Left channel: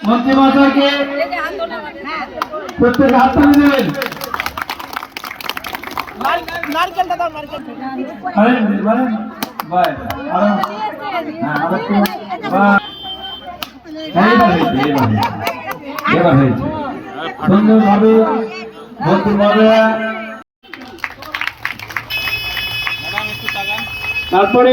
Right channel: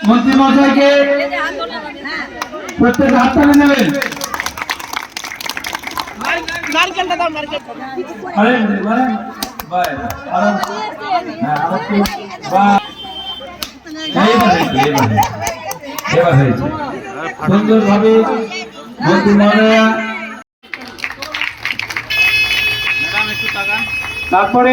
মন্ত্রী মহাশয়কে প্রত্যেক হাত তুলে দেবেন। নারকেলটা দাও নারকেল আরে। বারে বাই আরও হ্যাঁ আরও একটু বাই এইবার হয়েছে এইবার হয়েছে এবার হয়েছে সুন্দরভাবে মন্ত্রী মহোদয়া তারপরে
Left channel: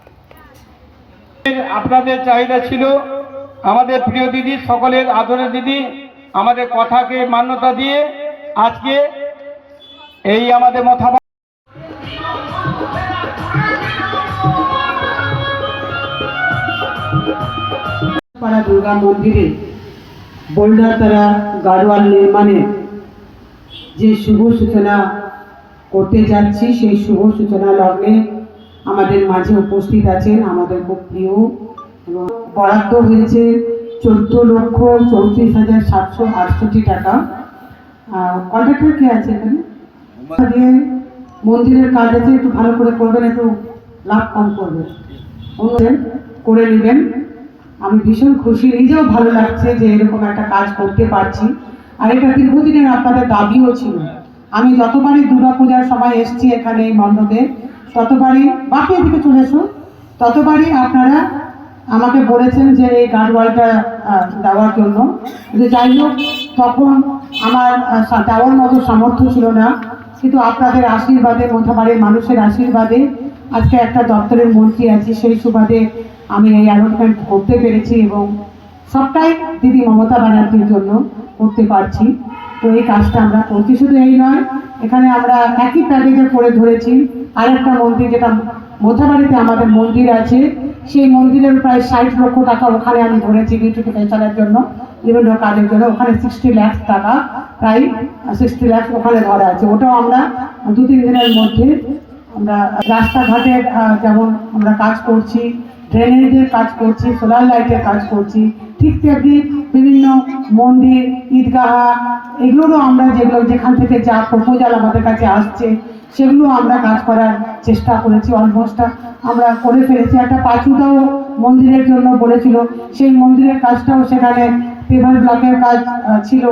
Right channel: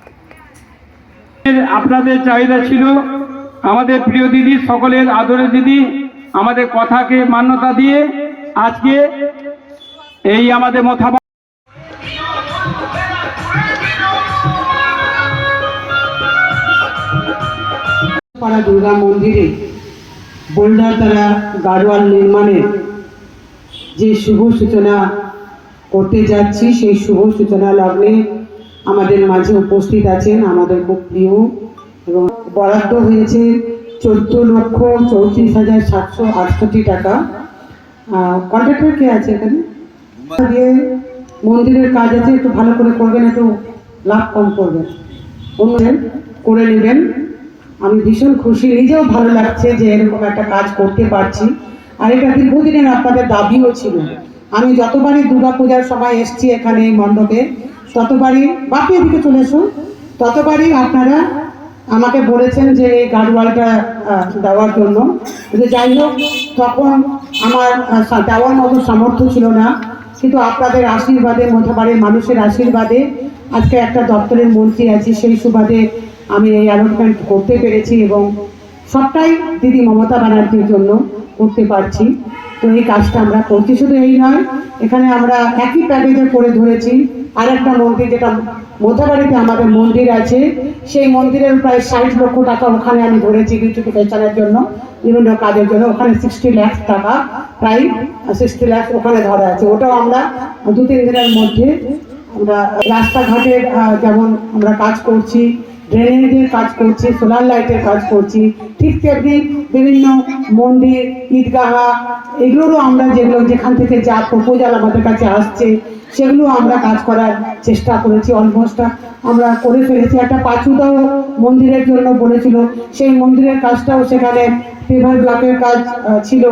আপনাদের চাহিদা ছিল, আমাদের প্রিয় দিদি, সকলের আদরের দিদি, আমাদের কথাকে মান্যতা দিয়ে আজকে এই আমাদের মথা দুর্গা মন্দিরে, বোল্ডার তারা গাড়োয়াল নির্মাণের যে শুভ সূচনা করতে যাচ্ছি, সেই শুভ সূচনা লগ্নে আমাদের মাঝে উপস্থিত আছেন আমাদের খুব প্রিয় এবং বরাদ্দ হয়েছে চোদ্দ লক্ষ চৌত্রিশ হাজার সাতশো আটষট্টি টাকা। কন্ট্রাক্টর কে আছে এখানে? মন্দিরের কাজ আছে, একটু ভালো করে করবেন, একটু লাভ কম করবেন। উন্নয়ন করে নেবেন। আমি ভীষণ খুশি, নিজেও ভালো লাগছে যে এরকম একটা কাজ করতে পারছি। আর এটা দীর্ঘদিনের আপনাদের দাবিও ছিল। আমি যতবারই দুর্গা পূজার সময় এসছি এখানে এই মণ্ডপে ততবারই বাকি এদিকে চলে এসুন ততবারই আপনারা আমাকে বলেছেন যে এই গার্ডওয়ালটা দেওয়ার জন্য। যে যাই হোক, তখন আমার দেওয়ার মতো সামর্থ্য ছিল না। কিন্তু আপনাদের আশীর্বাদে, মধ্যবাড়ির মানুষের আশীর্বাদে আজকে একটা দপ্তরের মন্ত্রী আছি, সেই সুবাদে আমি এই অ্যালটমেন্ট করতে পেরেছি এবং সবটাই দিদি মমতা ব্যানার্জির জন্য করতে পারছি। তো এই কাজটা আমরা করছি। শুধু এই নয়, এখানে আমরা একই প্যাকেজে করে ধরেছি। আরেকটা মন্দির যেটা মধ্যবাড়িতে আমাদের মন্দির আছে, সেই মন্দিরের প্রায় ষাট লক্ষ টাকা ওখানে আমি ধরেছি বিউটিফিকেশনের জন্য, বিভিন্ন কাজের জন্য। ওখানে সিক্সটি ল্যাক্স টাকা, প্রায় সিক্সটি ল্যাক্স ওখানে ধরা আছে। ওটাও আমরা দু তিন দিনের মধ্যে আমরা রাস্তাঘাটের যেমন আমরা কাজ করছি ড্রেনেজের কাজ করছি সোলার লাইটের কাজ করছি। ঠিক তেমনি বিভিন্ন মন্দির, ঈদগাহ, এগুলোরও আমরা যেগুলো যেখান থেকে যা প্রপোজাল আমাদের কাছে আসছে, সেগুলো আমরা কাজ করার চেষ্টা করেছি। অলমোস্ট আমরা করে ফেলেছি। একটা পাঁচুদাও মন্দিরের জন্য বলেছিল। সেই মন্দিরের কাজটাও সেখানে পেভার ব্লকের কাজ ছিল।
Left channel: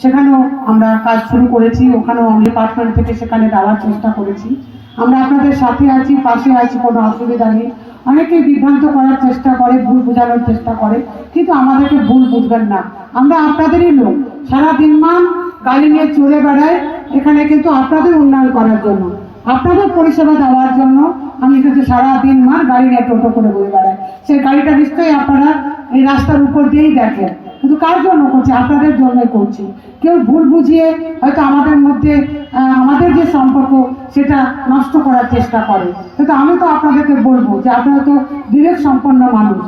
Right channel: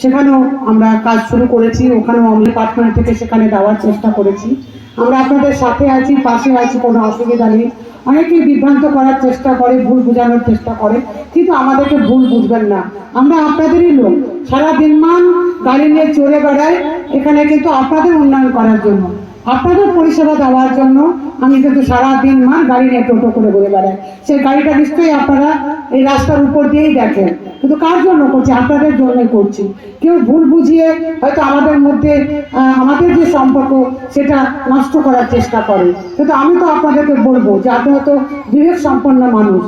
সেখানেও আমরা কাজ শুরু করেছি। ওখানেও আমরা ডিপার্টমেন্ট থেকে সেখানে দেওয়ার চেষ্টা করেছি। আমরা আপনাদের সাথে আছি, পাশে আছি, কোনো অসুবিধা নেই। অনেকে বিভ্রান্ত করার চেষ্টা করে, ভুল বোঝানোর চেষ্টা করে, কিন্তু আমাদেরকে ভুল বুঝবেন না। আমরা আপনাদেরই লোক। সারা দিনমান গাড়ি নিয়ে চলে বেড়াই, এখানে কিন্তু আপনাদের উন্নয়ন করার জন্য। আপনাদের পরিষেবা দেওয়ার জন্য আমি কিন্তু সারা দিন মার গাড়ি নিয়ে টোটো করে ঘুরে বেড়াই। সেই গাড়িটা নিশ্চয়ই আপনারা এই রাস্তার উপর দিয়েই দেখেন। কিন্তু কার জন্য করছি? আপনাদের জন্য করছি। কেউ ভুল বুঝিয়ে হয়তো আমাদের মধ্যে আমাদের যে সম্পর্ক, সেটা নষ্ট করার চেষ্টা করে। কিন্তু আমি তো আপনাদেরকে বলব যে আপনারা তো বিবেক সম্পন্ন মানুষ।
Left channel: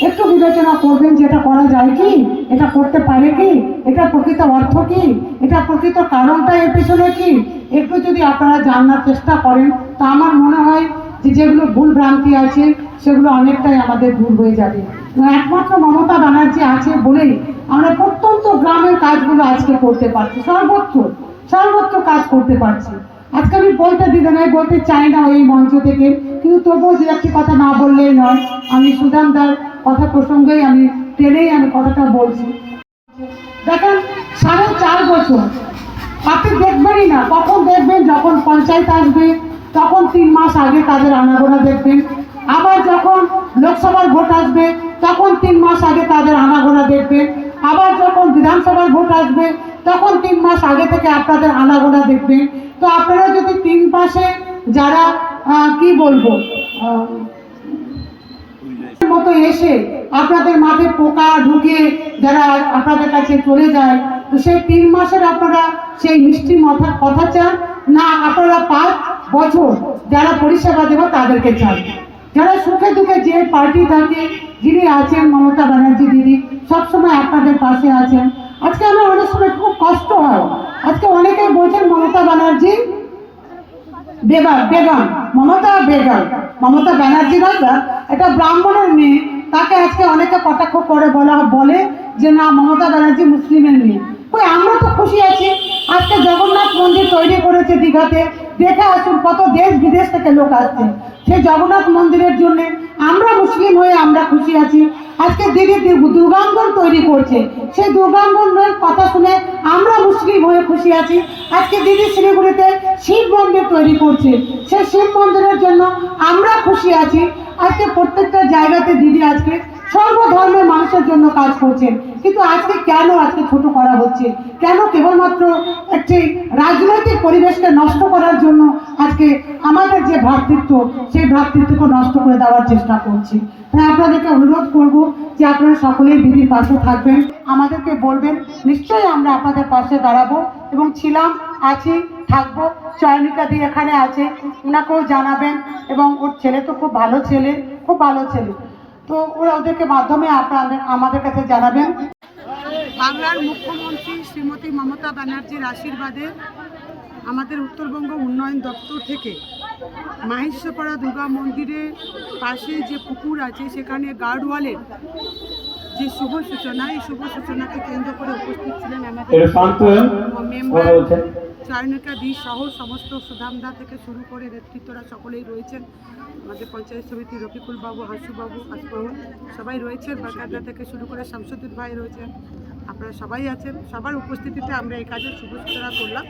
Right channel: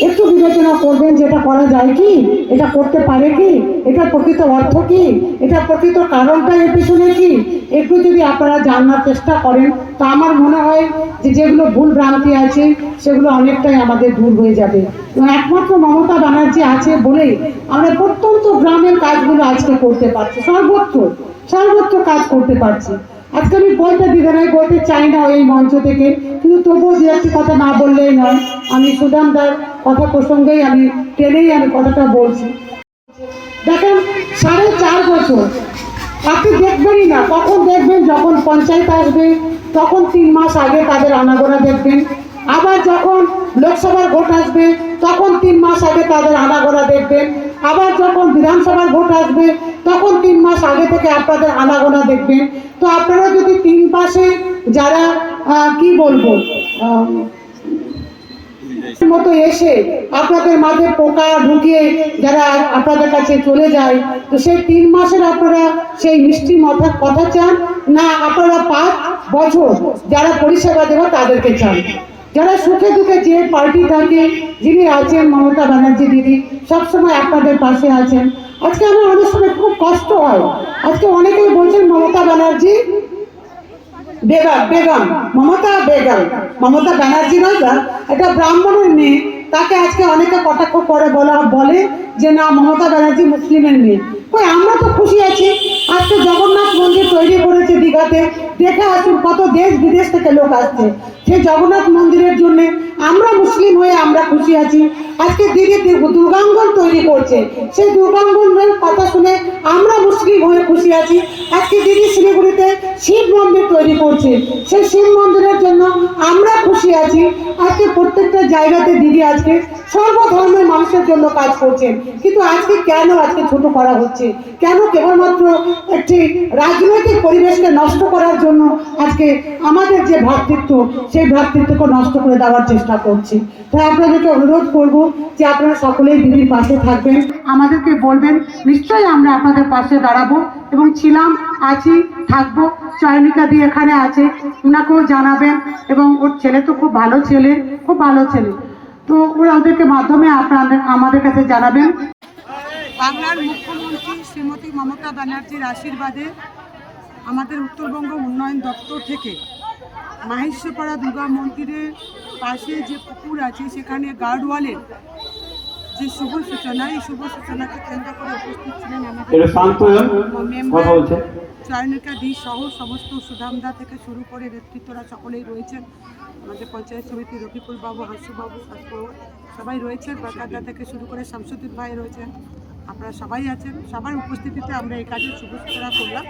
একটু বিবেচনা করবেন যে এটা করা যায় কি? এটা করতে পারে কি? এটা প্রকৃত অর্থ কি? এটা প্রকৃত কারণটা এর পিছনে কি? একটু যদি আপনারা জানার চেষ্টা করেন, তা আমার মনে হয় যে যেগুলো ভুল ভ্রান্তি আছে, সেগুলো অনেকটাই আমাদের দূর হয়ে যাবে। একমাত্র মমতা ব্যানার্জি আছে বলেই আমরা প্রত্যন্ত গ্রামের কাজগুলো আজকে করতে পারছি। সর্বত্র সর্বত্র কাজ করতে পারছি। আজকে আমি বলতে দিতে নাই, বলতে চাই না এই মঞ্চ থেকে, কিন্তু তবুও দু একটি কথা না বললেই নয়। আমি সুদামদার কথা প্রসঙ্গেই আমি ট্রেনেই আমি কথাটা বলছি। দেখেন, সাড়ে চার বছর। আপনি দেখবেনই না, কখন দেখবেন যখন পঞ্চায়েত আসবে, তখন তিন মাস আগে তাদের আনাগোনা দেখবেন। আবার যখন লোকসভার ভোট আসবে, তখন তিন মাস আগে তাদের আনাগোনা দেখবেন। আবার যখন বিধানসভার ভোট আসবে, তখন তিন মাস আগে থেকে আপনাদের আনাগোনা দেখবেন। তো আপনারা যদি তিন মাসে যারা কি বলব মতো এসে আপনাদের মাঝে পোকা ঢুকিয়ে যারা আপনাদের কাছে চলে যায়, তো সেই তিন মাসের আপনারা সেই মিষ্টি মাথা কথা চান? না, আপনারা পাঁচ বছর যারা পরিষেবা দেবে তাদেরকে চান। যারা সুখে দুঃখে যে পার্টি থাকে, যিনি আছেন মমতা ব্যানার্জি দিদি, সবসময় আপনাদের পাশে আছেন। আজকে আমার অনেক সময় খুব কষ্ট হয়। আজকে অনেকেই বলছেন, মমতা ব্যানার্জি বেগম বেগম, মমতা বেগম। মমতা ব্যানার্জি না, এটা ব্রাহ্মণের মেয়ে তাকে আজকে অনেকে কটাক্ষ করে বলা বলে যে না মমতা ব্যানার্জি মুসলিমের মেয়ে। কই আমরা তো খুশি আছি। আজকে জগন্নাথ মন্দির তৈরি করেছে দীঘাতে। দেখে আসুন কত দেশ বিদেশ থেকে লোক আসছে। সেই জগন্নাথ মন্দিরের জন্য আমরা মুসলিম হয়ে আমরা খুশি আছি। আজকে দিদি দুর্গাঙ্গন তৈরি করছে। সেই দুর্গাঙ্গনের কথা শুনে আমরা মুসলিম হয়ে খুশি আছি। আজকে দিদি শিলিগুড়িতে শিব মন্দির তৈরি করছে। সেই শিব মন্দিরের জন্য আমরা খুশি আছি। আজকে প্রত্যেকটা জায়গাতে দিদি আজকে সর্বধর্মের মানুষের জন্য কাজ করছেন। কিন্তু আজকে কেন আজকে ছোট করা হচ্ছে? কেন কেবলমাত্র একটি রাজনৈতিক পরিবেশকে নষ্ট করার জন্য আজকে আমাদের যে ভ্রাতৃত্ব, সেই ভ্রাতৃত্বকে নষ্ট করে দেওয়ার চেষ্টা করছি? তাই আপনাদেরকে অনুরোধ করব যে আপনারা সকলেই দিদির পাশে থাকবেন। আমাদেরকে বলবেন, নিশ্চয়ই আমরা আপনাদের পাশে দাঁড়াবো এবং ছিলাম, আছি, থাকব। চয়নিকা দিয়ে এখানে আছে ওনাকেও জানাবেন এবং ওর ছেলে তো খুব ভালো ছেলে, খুব ভালো ছেলে। তো ওরা ওদেরকে মাধ্যমে আপনাদের, আমাদের কাছে জানাবেন। বাংলার মুখ্যমন্ত্রী শ্রীমতী মমতা ব্যানার্জির আশীর্বাদে আমাদের উত্তরবঙ্গ উন্নয়ন দপ্তর থেকে মাহেশ্বরপাড়া দুর্গা মন্দিরের পাশে যে পুকুর আছে, সেখানে গার্ডওয়ালের যে শুভ সূচনা এই শুভ সূচনাকে কেন্দ্র করে উপস্থিত ছিলেন আমাদের মেম্বার চয়নিকা দি সহ সমস্ত সুধামদা থেকে শুরু করে নেতৃত্বরা সকলেই রয়েছেন। আমাদের পঞ্চায়েত সমিতি রফিকুল বাবু হাসুবাবু আসবাবু সবাই রয়েছেন। বারকাদা থেকে শুরু করে শামসুদ্দিন ভাই রয়েছেন। আপনারা সবাই আছেন। সবার উপস্থিতিতে আমরা এই কাজের শুভ সূচনা করলাম।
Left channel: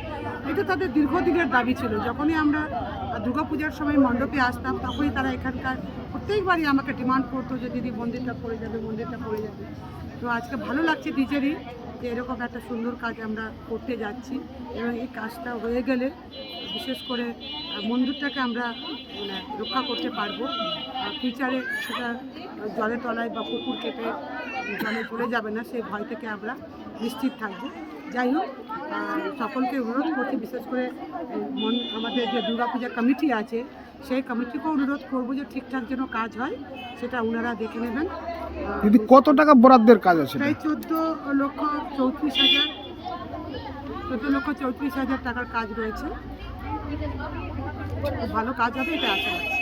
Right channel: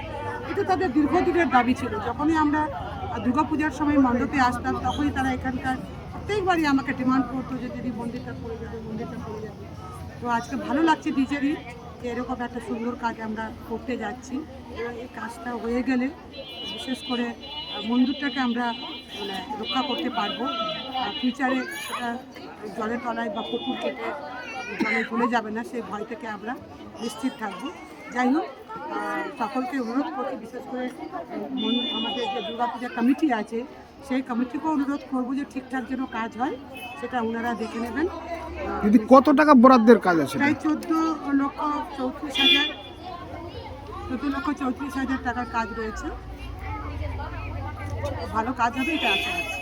এটা তাদের দীর্ঘদিনের দাবি ছিল। যখনই আমরা দুর্গাপূজার সময় মণ্ডপে আসতাম তখনই তারা এখানকার প্রত্যেকবারই আমাকে ডিমান্ড করতো যে, দিদি, মন্দিরটা পড়ে যাবে, মন্দিরটা পড়ে যাবে। তো আজকে ভালো লাগছে নিজেরই যে, এরকম একটা সুন্দর কাজ আমরা করতে যাচ্ছি এবং এই কাজটা হয়ে গেলে বিশেষ করে মন্দিরটাকে আমরা মানে রক্ষা করতে পারব। আর ফিউচারে সেটা জলের তলায় বা পুকুর কেটে জলে চলে যাবে না, সেই ভয় থেকে আমরা নিশ্চিত থাকব। যাই হোক সকলকে অনুরোধ করছি, বিশেষ করে আমাদের যে দুর্গাপূজা কমিটি আছে সেই কমিটিকেও অনুরোধ করব যে ঠিকঠাক যেন কাজ হয় সেটা ওনারা দেখে নেবেন। দিদি কত টাকা বরাদ্দের কাজ আছে প্রায় চোদ্দ লক্ষ চৌত্রিশ হাজার চোদ্দ লক্ষ চৌত্রিশ হাজার টাকার কাজ রয়েছে। ভালো কাজ হবে এটা আশা রাখছি।